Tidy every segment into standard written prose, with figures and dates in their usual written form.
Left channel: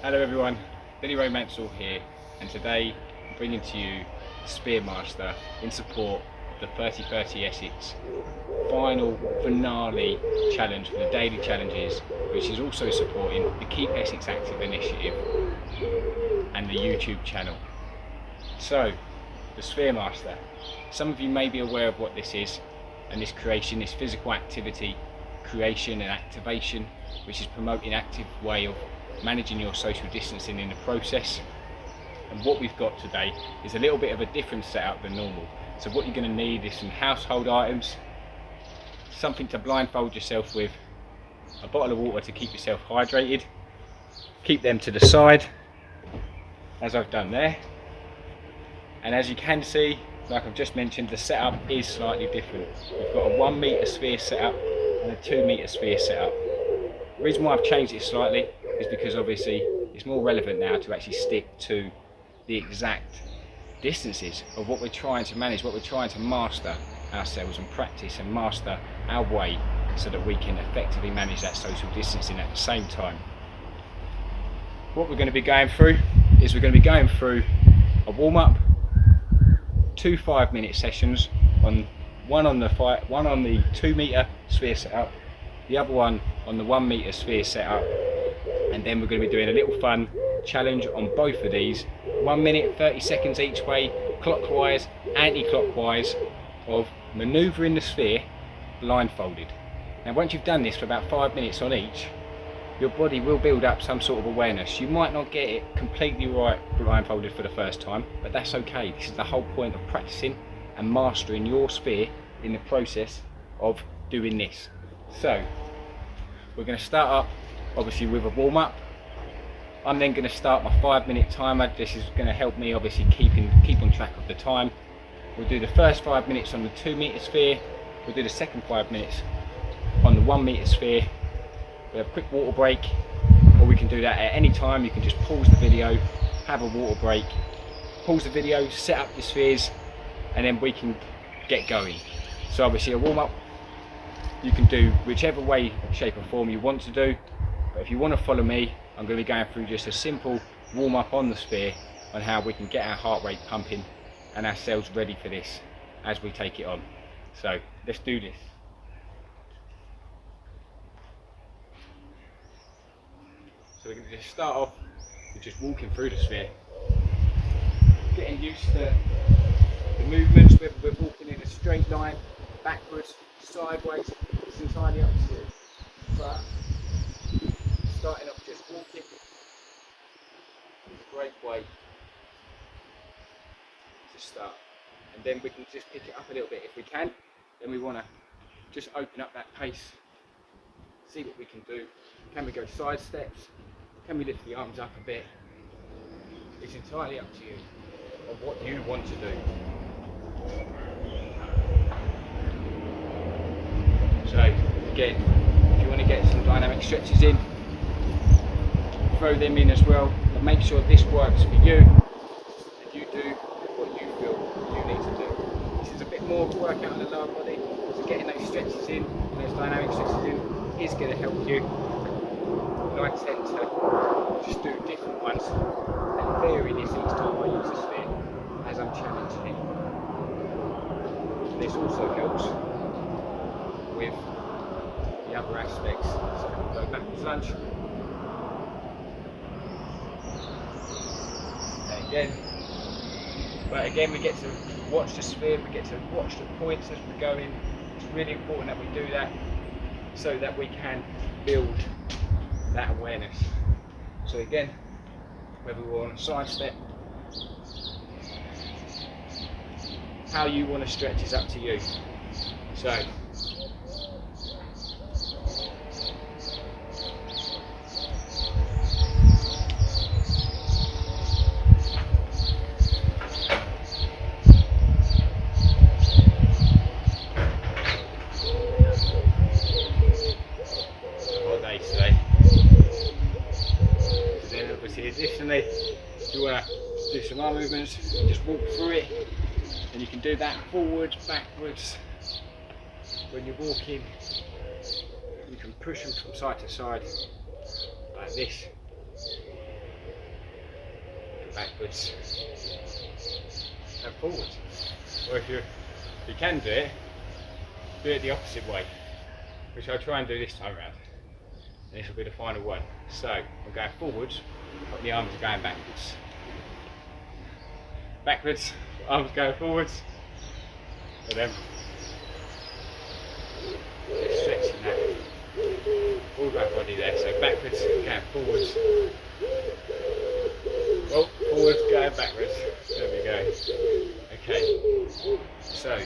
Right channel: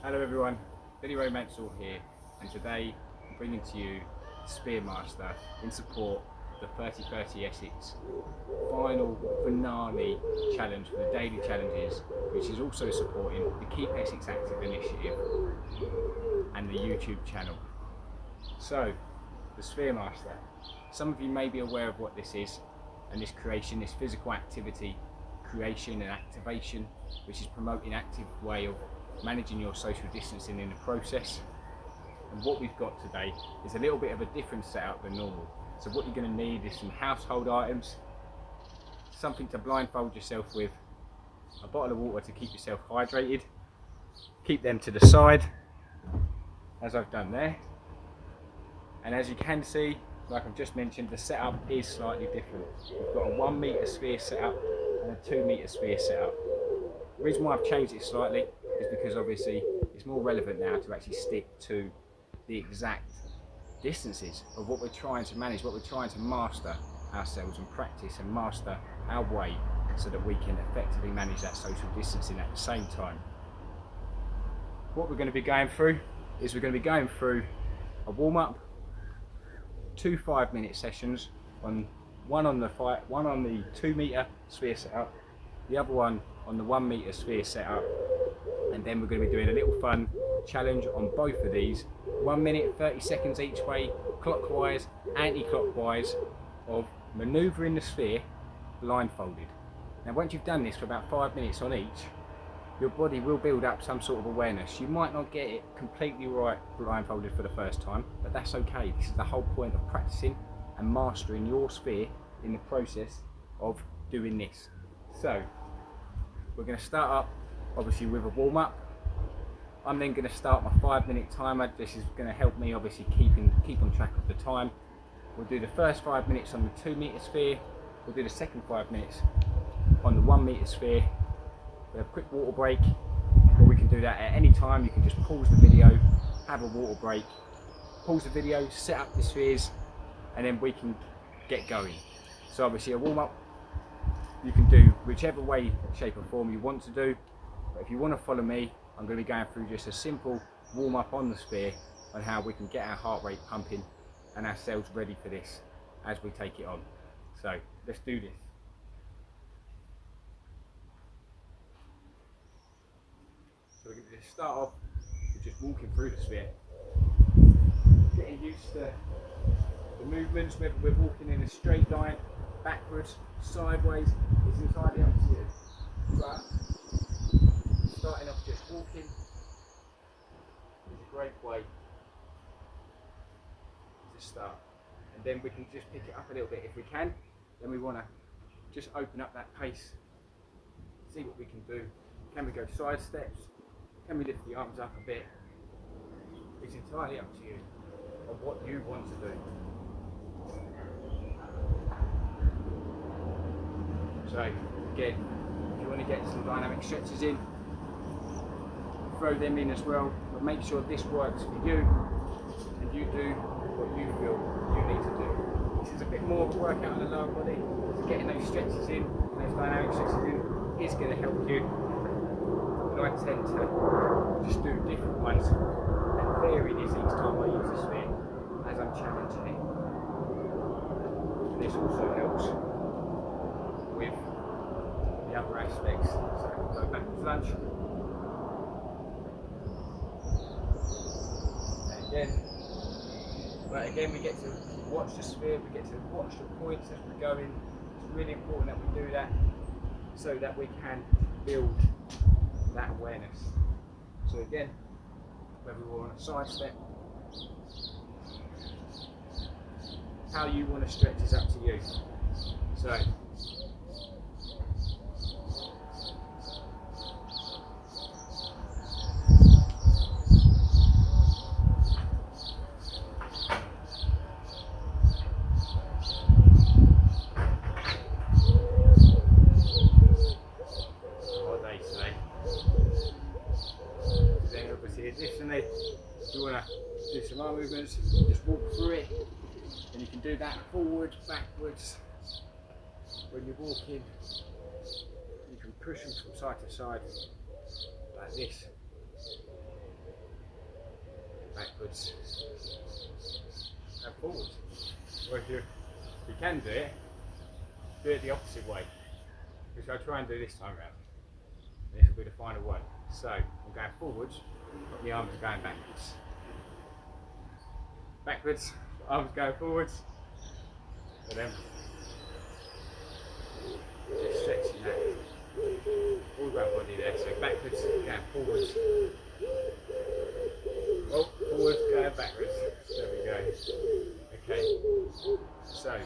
Hello everyone, Mansell here, and today I'm bringing to you Spheremaster in support of the 30-30 Essex final finale challenge for the daily challenges, which is also supporting the Keep Essex Active initiative and the YouTube channel. So, the Spheremaster. Some of you may be aware of what this is, and this creation, this physical activity, creation and activation, which is promoting active way of managing your social distancing in the process. And what we've got today is a little bit of a different setup than normal. So what you're going to need is some household items, something to blindfold yourself with, a bottle of water to keep yourself hydrated, keep them to the side as I've done there. And as you can see, like I've just mentioned, the setup is slightly different. We've got a 1 meter sphere setup and a 2 meter sphere setup. The reason why I've changed it slightly is because obviously it's more relevant now to actually stick to the exact distances of what we're trying to manage, what we're trying to master ourselves and practice and master our way so that we can effectively manage that social distancing at the same time. What we're going to be going through is we're going to be going through a warm-up, 2 5-minute sessions, one on the 2 meter sphere setup, the other one on the 1 meter sphere setup, and then we're going to be doing a little fun challenge on both of these, 1 minute 30 seconds each way, clockwise, anti-clockwise, of manoeuvring the sphere blindfolded. Now once you've done this for about 5 minutes on each, your body will build up some sort of awareness. You might not get it completely right blindfolded for the first time, but that's okay. This is the whole point of practicing and mastering your sphere in the process of doing this. So we're going to start up obviously with a warm-up. I'm then going to start my 5-minute timer. This is going to help me obviously keep on track of the time. We'll do the first 5 minutes on the 2 meter sphere. We'll do the second 5 minutes on the 1 meter sphere. We'll have a quick water break, or we can do that at any time. You can just pause the video, have a water break, pause the video, set up your spheres, and then we can get going. So obviously a warm-up you can do whichever way, shape or form you want to do, but if you want to follow me, I'm going to be going through just a simple warm-up on the sphere on how we can get our heart rate pumping and ourselves ready for this as we take it on. So let's do this. So we're going to just start off with just walking through the sphere, getting used to the movements, whether we're walking in a straight line, backwards, sideways, it's entirely up to you. But starting off just walking is a great way to start, and then we can just pick it up a little bit if we can. Then we want to just open up that pace, see what we can do. Can we go side steps? Can we lift the arms up a bit? It's entirely up to you on what you want to do. So again, if you want to get some dynamic stretches in, throw them in as well, but make sure this works for you and you do what you feel you need to do. This is a bit more of a workout on the lower body, so getting those stretches in, those dynamic stretches in, is going to help you. And I tend to just do different ones and vary this each time I use a sphere as I'm challenging it. And this also helps with the other aspects. So go backwards lunge. And again we get to watch the sphere, we get to watch the points as we're going. It's really important that we do that so that we can build that awareness. So again, whether we're on a side step, how you want to stretch is up to you. So additionally, if you want to do some arm movements, just walk through it, and you can do that forwards, backwards. When you're walking, you can push them from side to side like this. backwards, and forwards. Or if you can do it the opposite way, which I'll try and do this time around. And this will be the final one. So I'm going forwards, but the arms are going backwards. Backwards, arms going forwards, and then just stretching that all of our body there. So backwards, going forwards. Oh, forwards, going backwards. There we go. Okay. So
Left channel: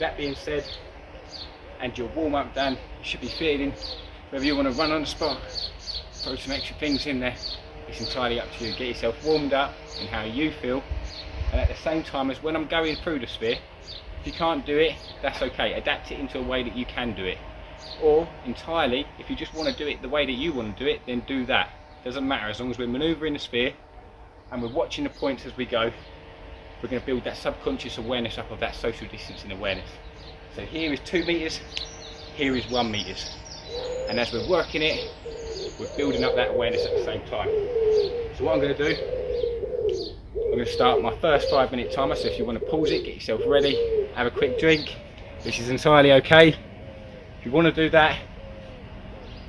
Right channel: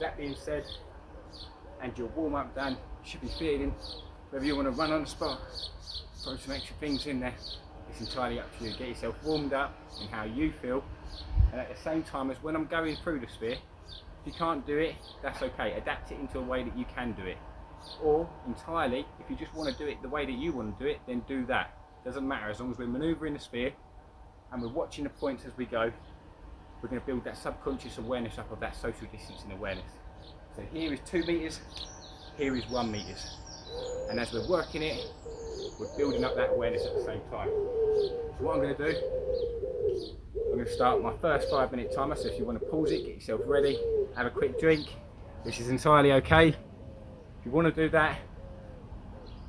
that being said, and your warm up done, you should be feeling whether you want to run on the spot, throw some extra things in there. It's entirely up to you. Get yourself warmed up in how you feel, and at the same time as when I'm going through the sphere, if you can't do it, that's okay. Adapt it into a way that you can do it, or entirely, if you just want to do it the way that you want to do it, then do that. Doesn't matter, as long as we're manoeuvring the sphere and we're watching the points as we go. We're going to build that subconscious awareness up of that social distancing awareness. So here is 2 meters, here is 1 meters, and as we're working it, we're building up that awareness at the same time. So what I'm going to do, I'm going to start my first 5-minute timer. So if you want to pause it, get yourself ready, have a quick drink, which is entirely okay. If you want to do that,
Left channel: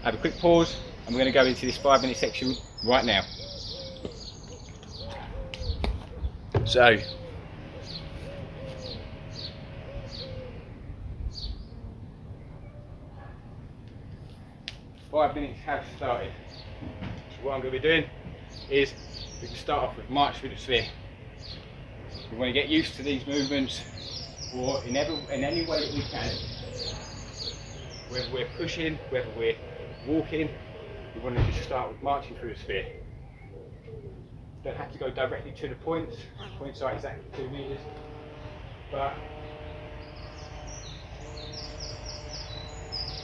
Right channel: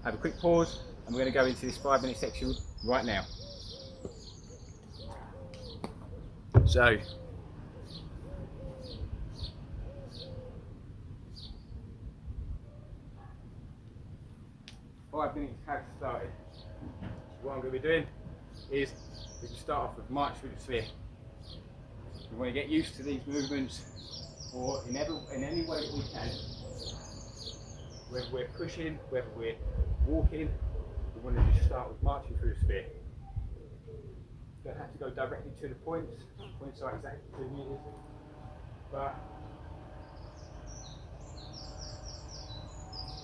have a quick pause, and we're going to go into this 5-minute section right now. So, five minutes have started. So what I'm going to be doing is we can start off with march through the sphere. We want to get used to these movements, or in any way that we can. Whether we're pushing, whether we're walking, we want to just start with marching through the sphere. Don't have to go directly to the points. The points are exactly 2 meters, but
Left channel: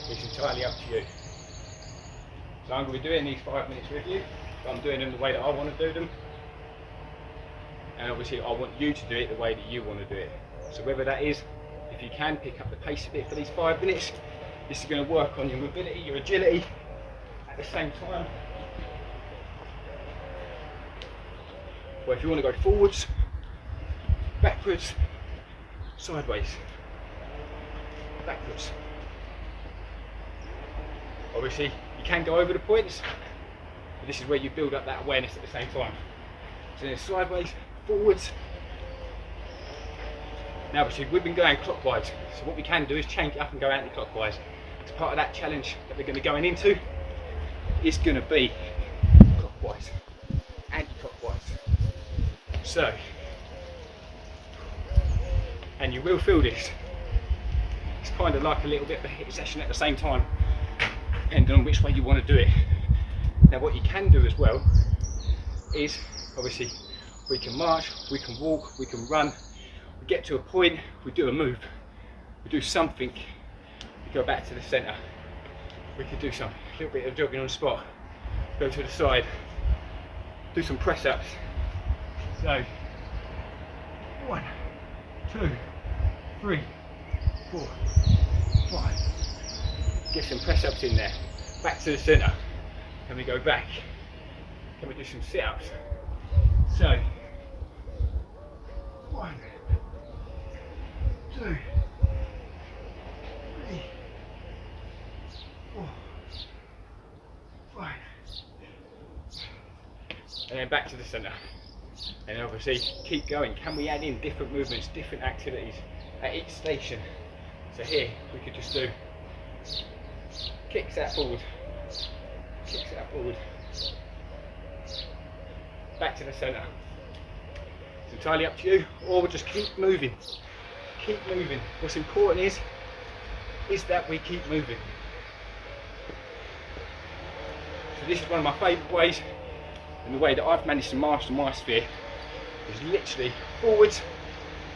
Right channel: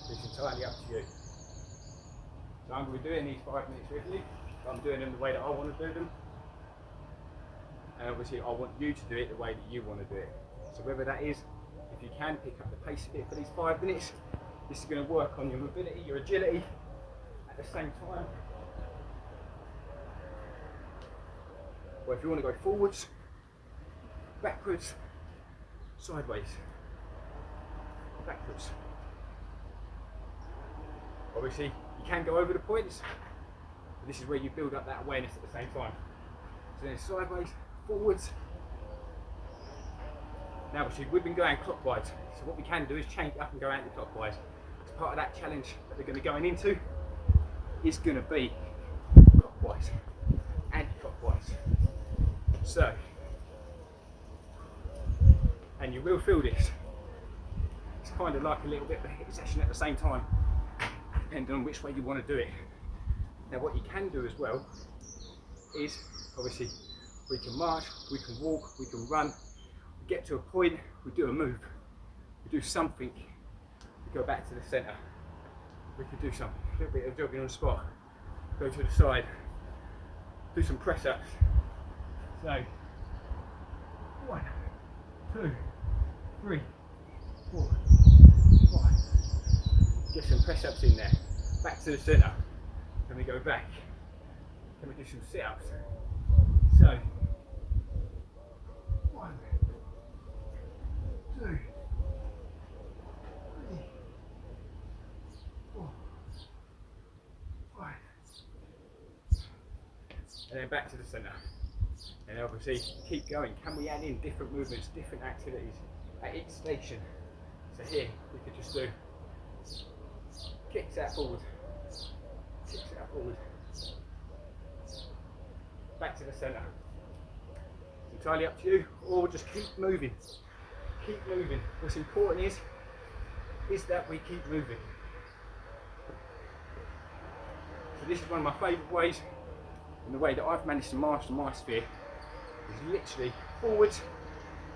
it's entirely up to you. So I'm going to be doing these 5 minutes with you, but I'm doing them the way that I want to do them. And obviously I want you to do it the way that you want to do it. So whether that is, if you can, pick up the pace a bit for these 5 minutes. This is going to work on your mobility, your agility at the same time. Or if you want to go forwards, backwards, sideways, backwards. Obviously you can go over the points, but this is where you build up that awareness at the same time. So then sideways, forwards. Now obviously we've been going clockwise, so what we can do is change it up and go anti-clockwise. As part of that challenge that we're going to be going into, is going to be clockwise, anti-clockwise. So, and you will feel this. It's kind of like a little bit of a hit session at the same time, depending on which way you want to do it. Now what you can do as well is, obviously, we can march, we can walk, we can run, we get to a point, we do a move, we do something, we go back to the centre, we could do something, a little bit of jogging on the spot, go to the side, do some press ups. So, 1, 2, 3, 4, 5. Get some press ups in there. Back to the centre. Can we go back? Can we do some sit ups? So, 1, 2, 3, 4, 5. And then back to the centre. And obviously keep going. Can we add in different movements, different activities at each station? So here we could just do kicks out forward, kicks out forward, back to the centre. It's entirely up to you, or we'll just keep moving. Keep moving. What's important is that we keep moving. So this is one of my favourite ways, and the way that I've managed to master my sphere is literally forwards,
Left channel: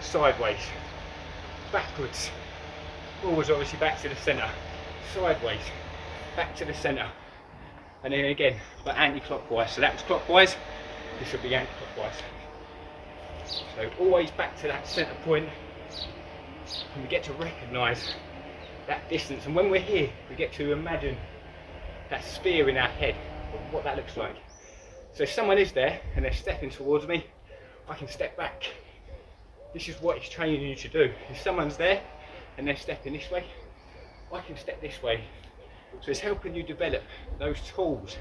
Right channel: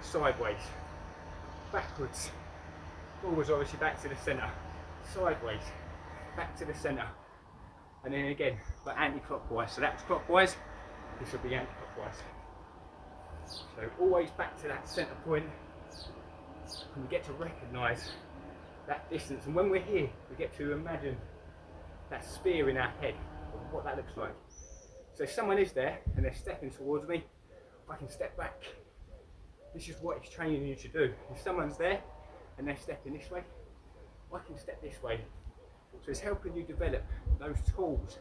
sideways, backwards, forwards obviously back to the centre, sideways, back to the centre, and then again, but anti-clockwise. So that was clockwise, this will be anti-clockwise. So always back to that centre point, and we get to recognise that distance. And when we're here, we get to imagine that sphere in our head, of what that looks like. So if someone is there and they're stepping towards me, I can step back. This is what it's training you to do. If someone's there and they're stepping this way, I can step this way. So it's helping you develop those tools,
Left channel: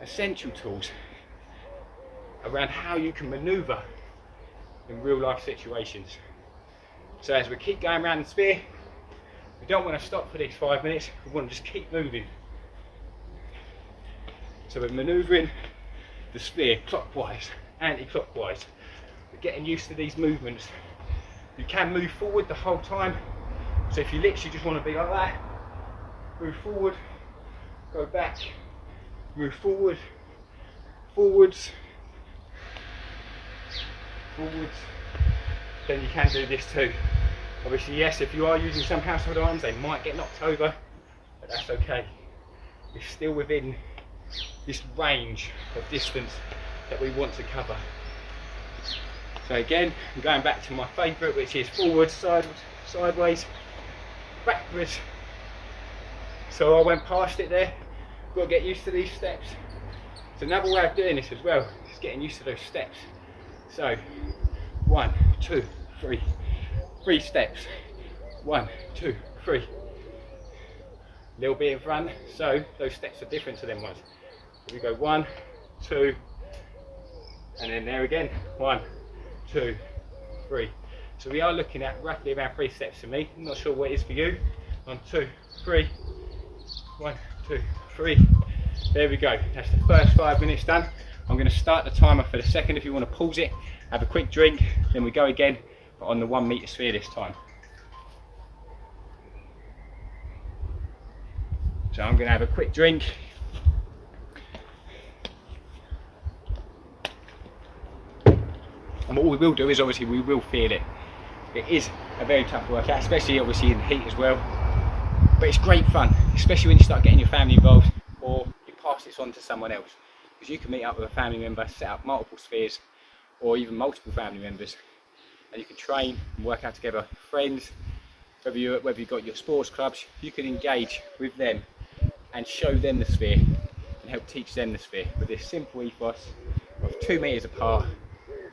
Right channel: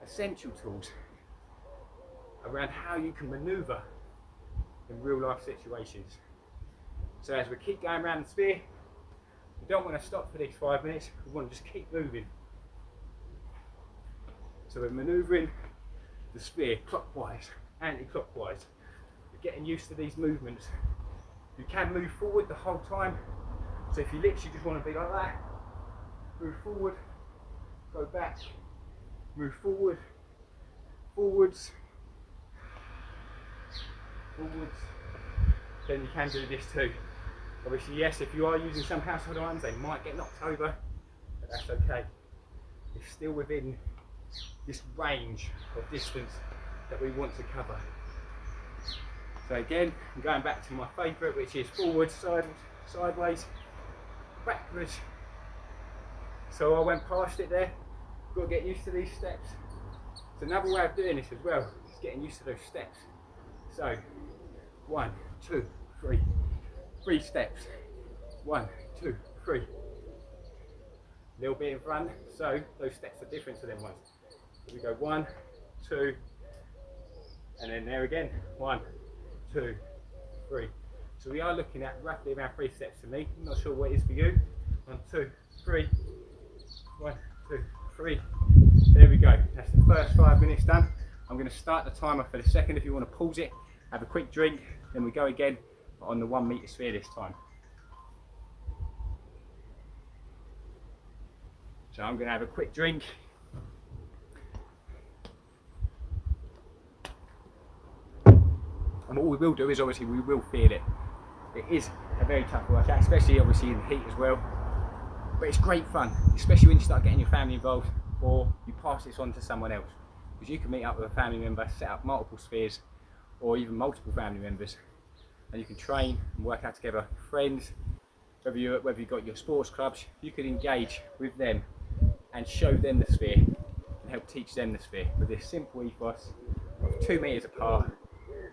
essential tools, around how you can maneuver in real life situations. So as we keep going around the sphere, we don't want to stop for these 5 minutes, we want to just keep moving. So we're manoeuvring the sphere clockwise, anti-clockwise. We're getting used to these movements. You can move forward the whole time. So if you literally just want to be like that, move forward, go back, move forward, forwards, forwards, then you can do this too. Obviously, yes, if you are using some household items, they might get knocked over, but that's okay. It's still within this range of distance that we want to cover. So again, I'm going back to my favourite, which is forwards, sideways, backwards. So I went past it there. Got to get used to these steps. So another way of doing this as well is getting used to those steps. So 1, 2, 3, 3 steps. 1, 2, 3. A little bit in front, so those steps are different to them ones. We go 1, 2, and then there again, 1, 2, 3. So we are looking at roughly about 3 steps for me. I'm not sure what it is for you. 1, 2, 3. 1, 2, 3. There we go. That's the first 5 minutes done. I'm going to start the timer for the second. If you want to pause it, have a quick drink, then we go again, but on the 1 metre sphere this time. So I'm going to have a quick drink. And what we will do is obviously we will feel it. It is a very tough workout, especially obviously in the heat as well. But it's great fun, especially when you start getting your family involved or you pass this on to someone else. Because you can meet up with a family member, set up multiple spheres or even multiple family members, and you can train and work out together. Friends, whether you've got your sports clubs, you can engage with them and show them the sphere and help teach them the sphere with this simple ethos of 2 metres apart,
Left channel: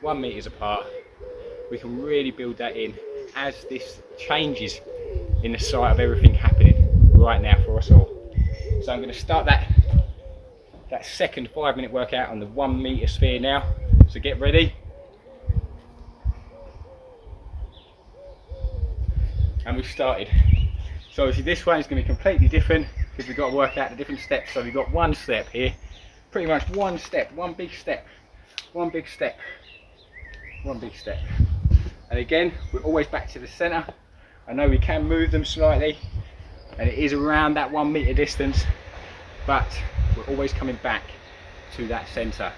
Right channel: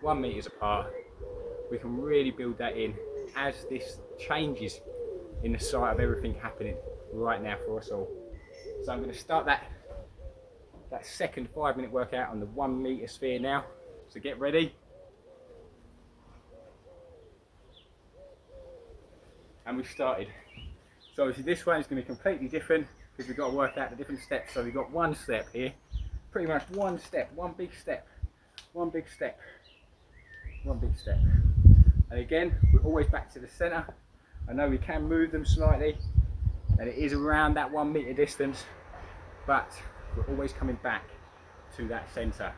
1 metre apart. We can really build that in as this changes in the sight of everything happening right now for us all. So I'm going to start that second 5 minute workout on the 1 metre sphere now. So get ready. And we've started. So obviously this one is going to be completely different because we've got to work out the different steps. So we've got one step here, pretty much one step, one big step, one big step, one big step. And again, we're always back to the centre. I know we can move them slightly and it is around that 1 metre distance, but we're always coming back to that centre,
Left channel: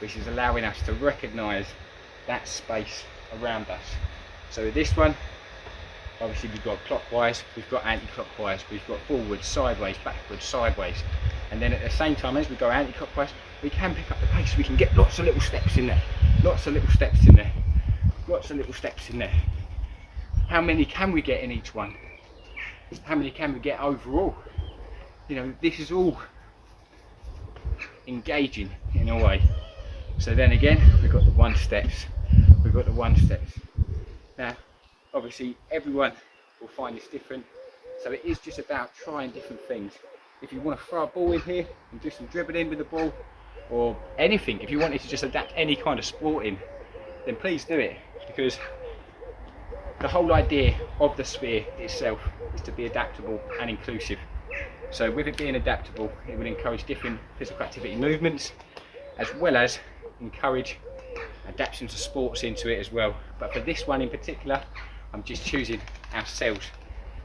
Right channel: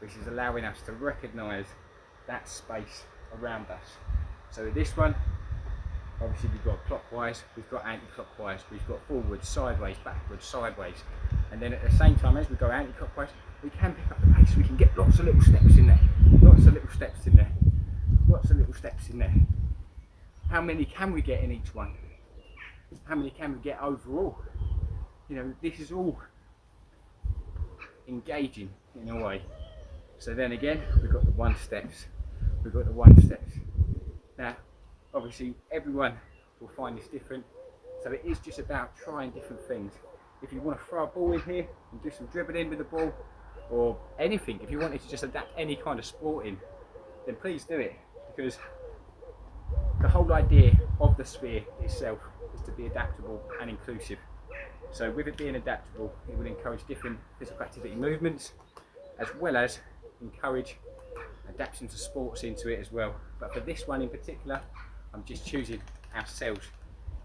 which is allowing us to recognise that space around us. So with this one, obviously we've got clockwise, we've got anti-clockwise, we've got forwards, sideways, backwards, sideways. And then at the same time as we go anti-clockwise, we can pick up the pace, we can get lots of little steps in there, lots of little steps in there, lots of little steps in there. How many can we get in each one? How many can we get overall? You know, this is all engaging in a way. So then again, we've got the 1 steps, we've got the 1 steps. Now, obviously everyone will find this different, so it is just about trying different things. If you want to throw a ball in here and do some dribbling with the ball, or anything, if you wanted to just adapt any kind of sport in, then please do it, because the whole idea of the sphere itself is to be adaptable and inclusive. So with it being adaptable, it will encourage different physical activity movements, as well as encourage adaptation to sports into it as well. But for this one in particular, I'm just choosing ourselves,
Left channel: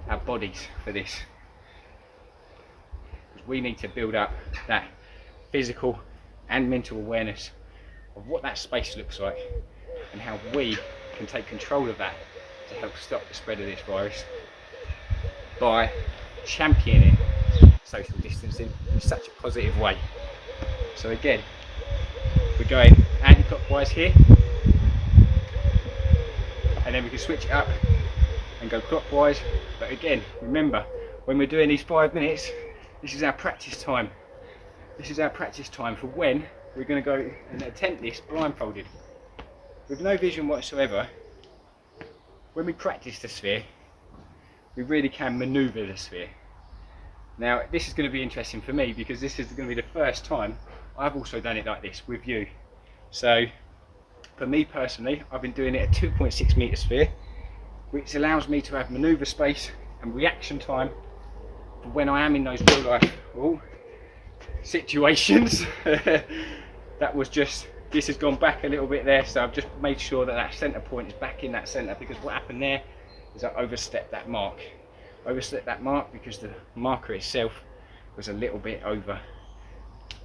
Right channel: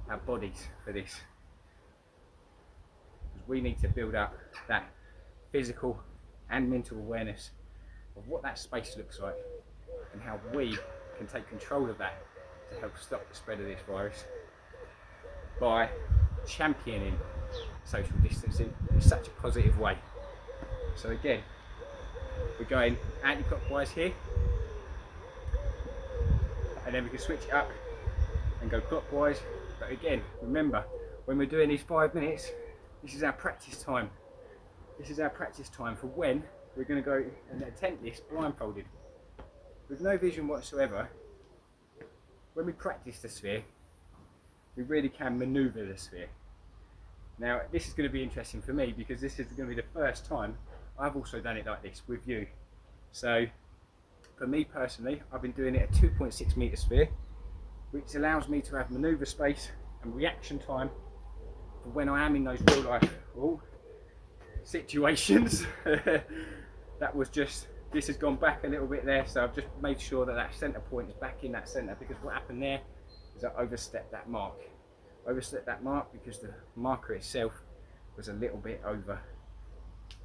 our bodies for this. Because we need to build up that physical and mental awareness of what that space looks like and how we can take control of that to help stop the spread of this virus by championing social distancing in such a positive way. So again, we're going anti-clockwise here, and then we can switch it up and go clockwise. But again, remember, when we're doing these 5 minutes, this is our practice time. This is our practice time for when we're going to go and attempt this blindfolded. With no vision whatsoever, when we practice the sphere, we really can manoeuvre the sphere. Now this is going to be interesting for me because this is going to be the first time I've also done it like this with you. So for me personally, I've been doing it a 2.6 metre sphere, which allows me to have manoeuvre space and reaction time for when I am in those real life situations. That was just, this has gone back a little bit there, so I've just made sure that that centre point is back in that centre, because what happened there is I overstepped that mark. Overstepped that mark because the marker itself was a little bit over.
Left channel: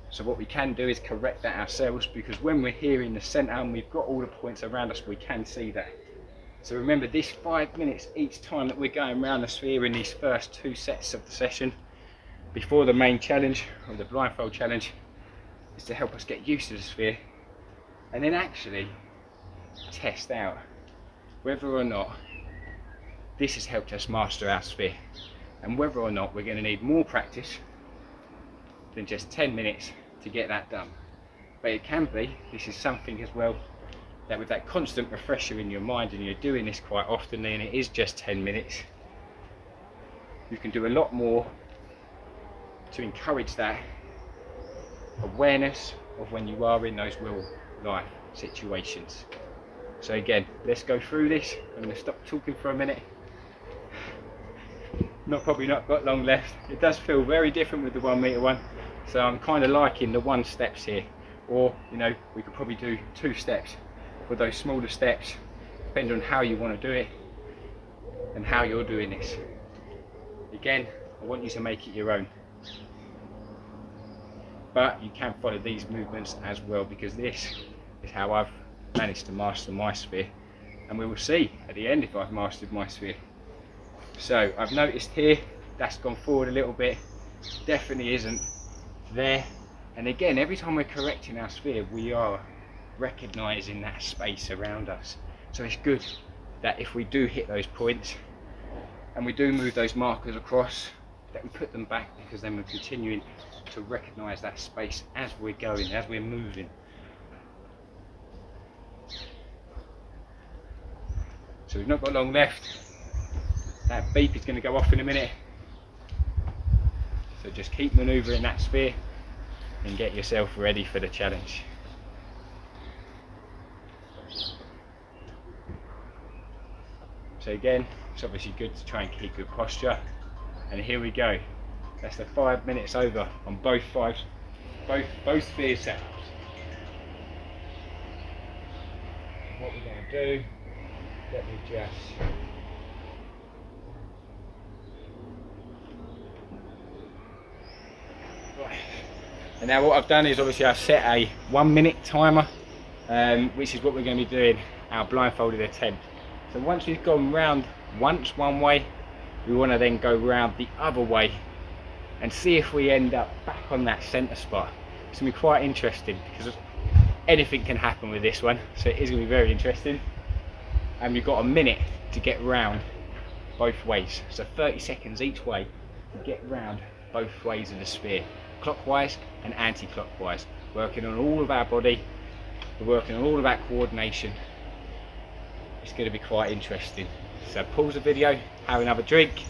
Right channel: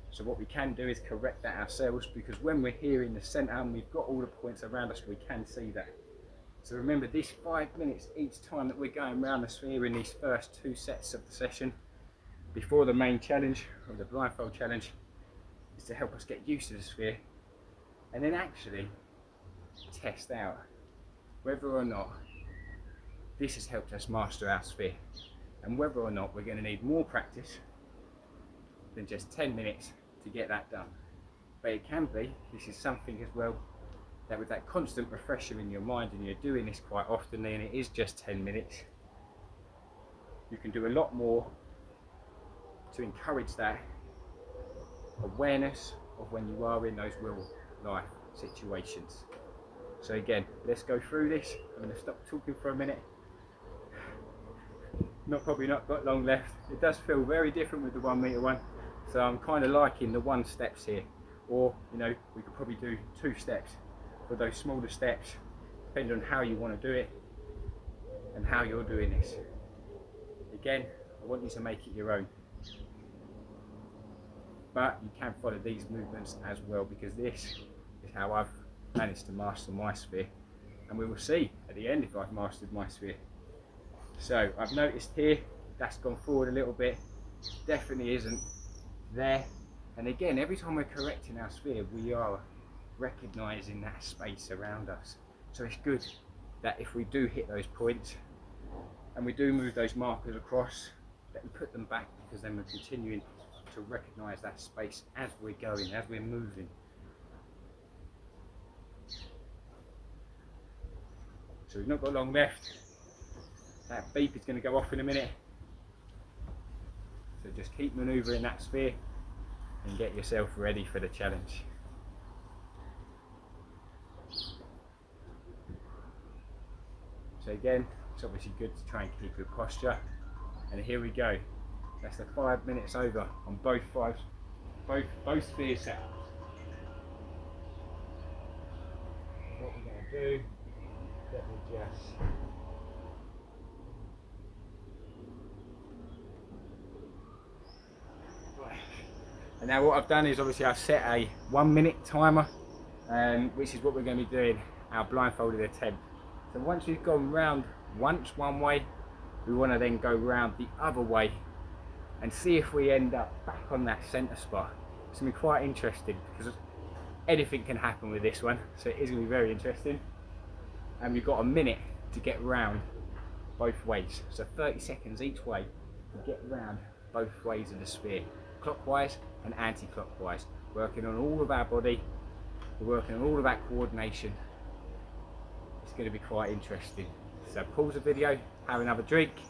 So what we can do is correct that ourselves, because when we're here in the centre and we've got all the points around us, we can see that. So remember, this 5 minutes each time that we're going around the sphere in these first 2 sets of the session before the main challenge, or the blindfold challenge, is to help us get used to the sphere and then actually test out whether or not this has helped us master our sphere, and whether or not we're going to need more practice than just 10 minutes to get that done. But it can be, this is something as well, that with that constant refresher in your mind, and you're doing this quite often, and it is just 10 minutes, you can do a lot more to encourage that awareness of when you are in those real life situations. So again, let's go through this. I'm going to stop talking for a minute. Probably not got long left. It does feel very different with the 1 metre one, so I'm kind of liking the 1 steps here, or you know, we could probably do 2 steps for those smaller steps, depending on how you want to do it and how you're doing this. Again, I want you to make it your own, but you can follow these movements as well, because this is how I've managed to master my sphere, and we will see at the end if I've mastered my sphere. So I've noticed here that's gone forward a little bit, definitely isn't there, and again, every time we're correcting our sphere, we are recognising that space around us. So it's good that if we do hit those points and we do move those markers across, that we put them back, because then we're continuing to recognise that space as we're going, as we're moving. So we've not got long left. That beep is going to go off in a minute. So just keep manoeuvring that sphere and get yourself ready for the challenge. So again, it's obviously good to try and keep good posture. And here we go. That's the 5 minutes over on both sphere setups. What we're going to do, let me just and now what I've done is obviously I've set a 1 minute timer, which is what we're going to be doing our blindfolded attempt. So once we've gone round once one way, we want to then go round the other way and see if we end up back on that centre spot. It's going to be quite interesting, because anything can happen with this one, so it is going to be very interesting. And you've got a minute to get round both ways, so 30 seconds each way to get round both ways of the sphere, clockwise and anti-clockwise, working on all of our body, we're working on all of our coordination. It's going to be quite interesting. So pause the video, have another drink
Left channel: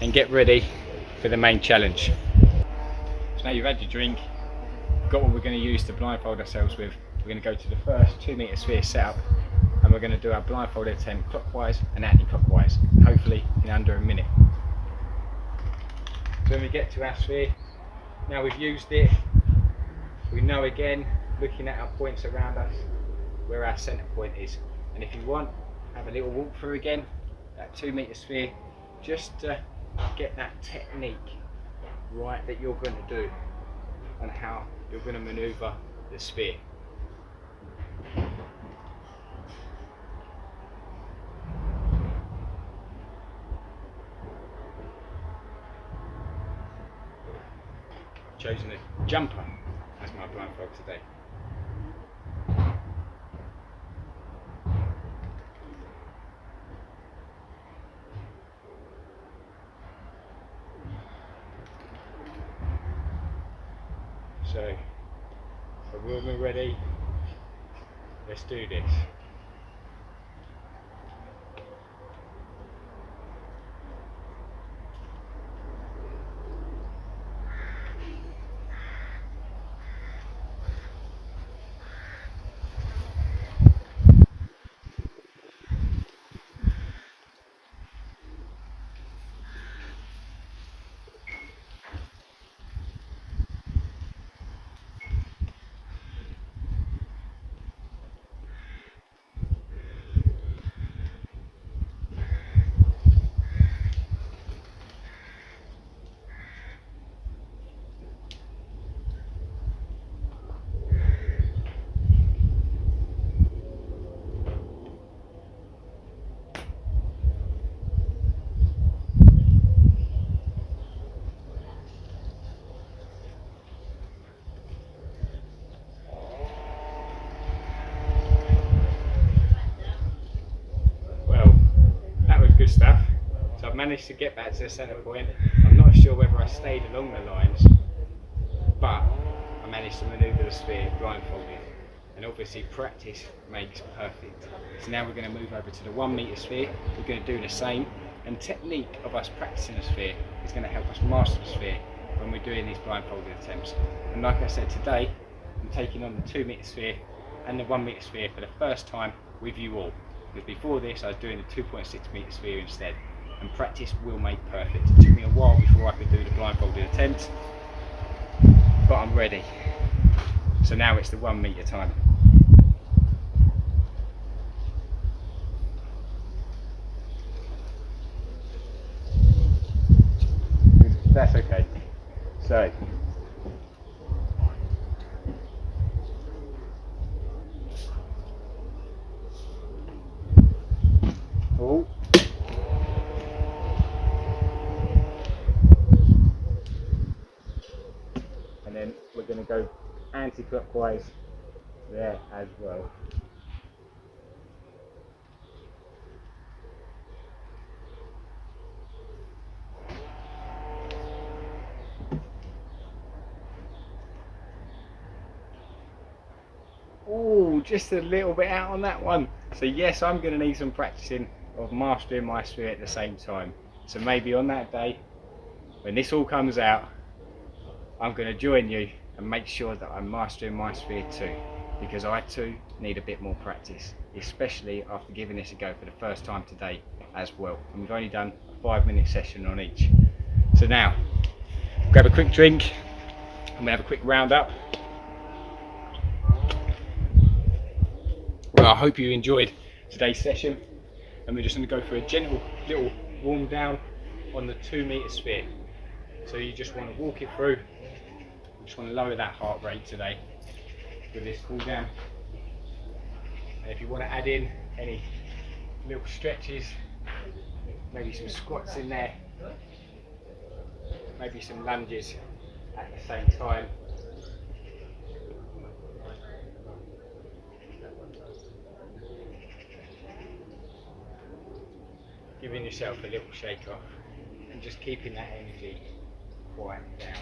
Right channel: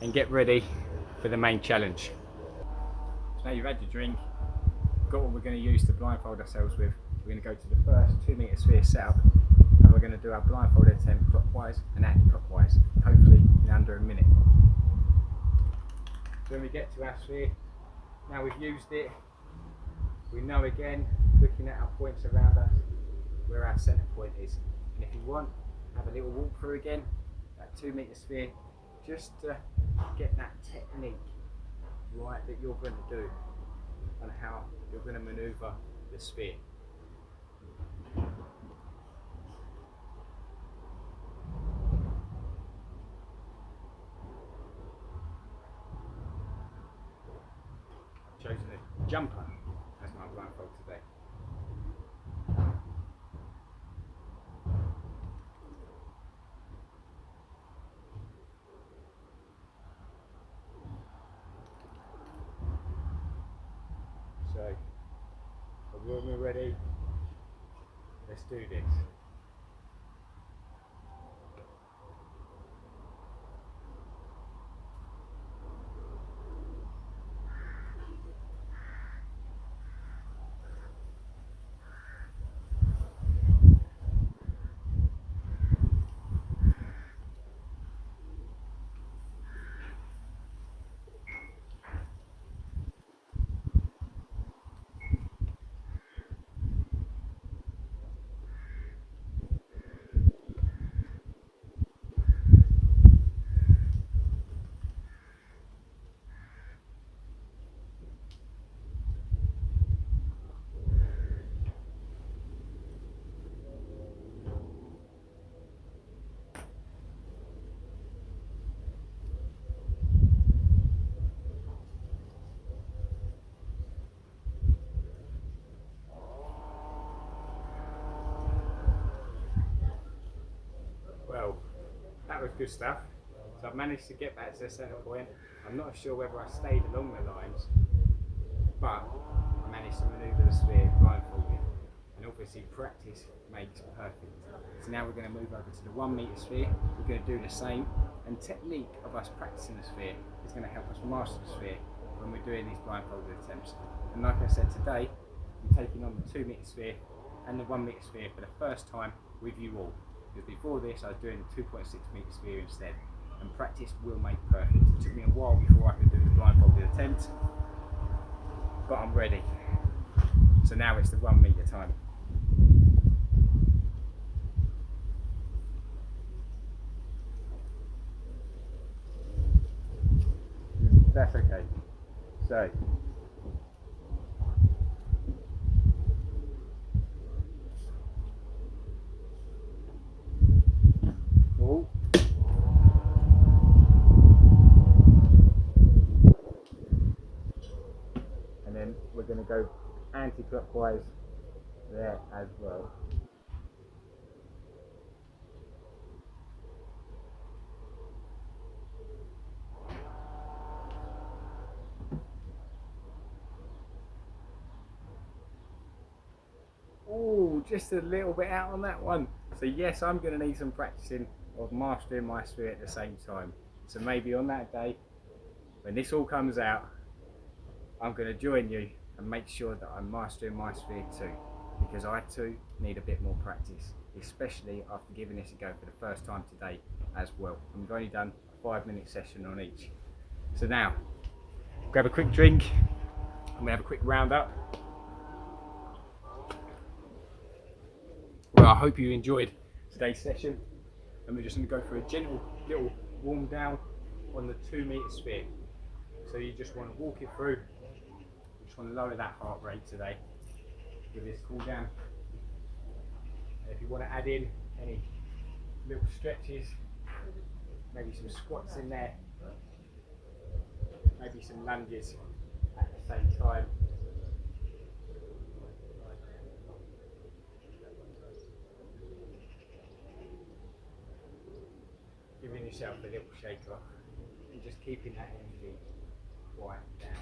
and get ready for the main challenge. So now you've had your drink, got what we're going to use to blindfold ourselves with. We're going to go to the first 2 metre sphere setup, and we're going to do our blindfolded attempt clockwise and anti-clockwise, and hopefully in under a minute. So when we get to our sphere, now we've used it, we know again, looking at our points around us, where our centre point is. And if you want, have a little walk through again, that 2 metre sphere, just to get that technique right that you're going to do on how you're going to manoeuvre the sphere. I've chosen a jumper as my blindfold today. So So when we're ready, let's do this. Well, that was good stuff. So I've managed to get back to the centre point. I'm not sure whether I stayed along the lines, but I managed to manoeuvre the sphere blindfolded. And obviously practice makes perfect. So now we're going to move over to the 1 metre sphere. We're going to do the same, and technique of us practicing the sphere is going to help us master the sphere when we're doing these blindfolded attempts. And like I said, today I'm taking on the 2 metre sphere and the 1 metre sphere for the first time with you all, because before this I was doing the 2.6 metre sphere instead, and practice will make perfect. It took me a while before I could do the blindfolded attempt, but I'm ready. So now it's the 1 metre time. That's okay. So, oh, and then we're going to go anti-clockwise there as well. Oh, just a little bit out on that one. So yes, I'm going to need some practicing of mastering my sphere at the same time. So maybe on that day, when this all comes out, I'm going to join you and make sure that I'm mastering my sphere too, because I too need a bit more practice, especially after giving this a go for the first time today as well. And we've only done a 5-minute session on each. So now, grab a quick drink and we have a quick round up. Well, I hope you enjoyed today's session, and we're just going to go for a gentle little warm down on the 2 metre sphere. So you just want to walk it through. You just want to lower that heart rate today with this cool down. And if you want to add in any little stretches, maybe some squats in there, maybe some lunges at the same time. Giving yourself a little shake off and just keeping that energy quite down.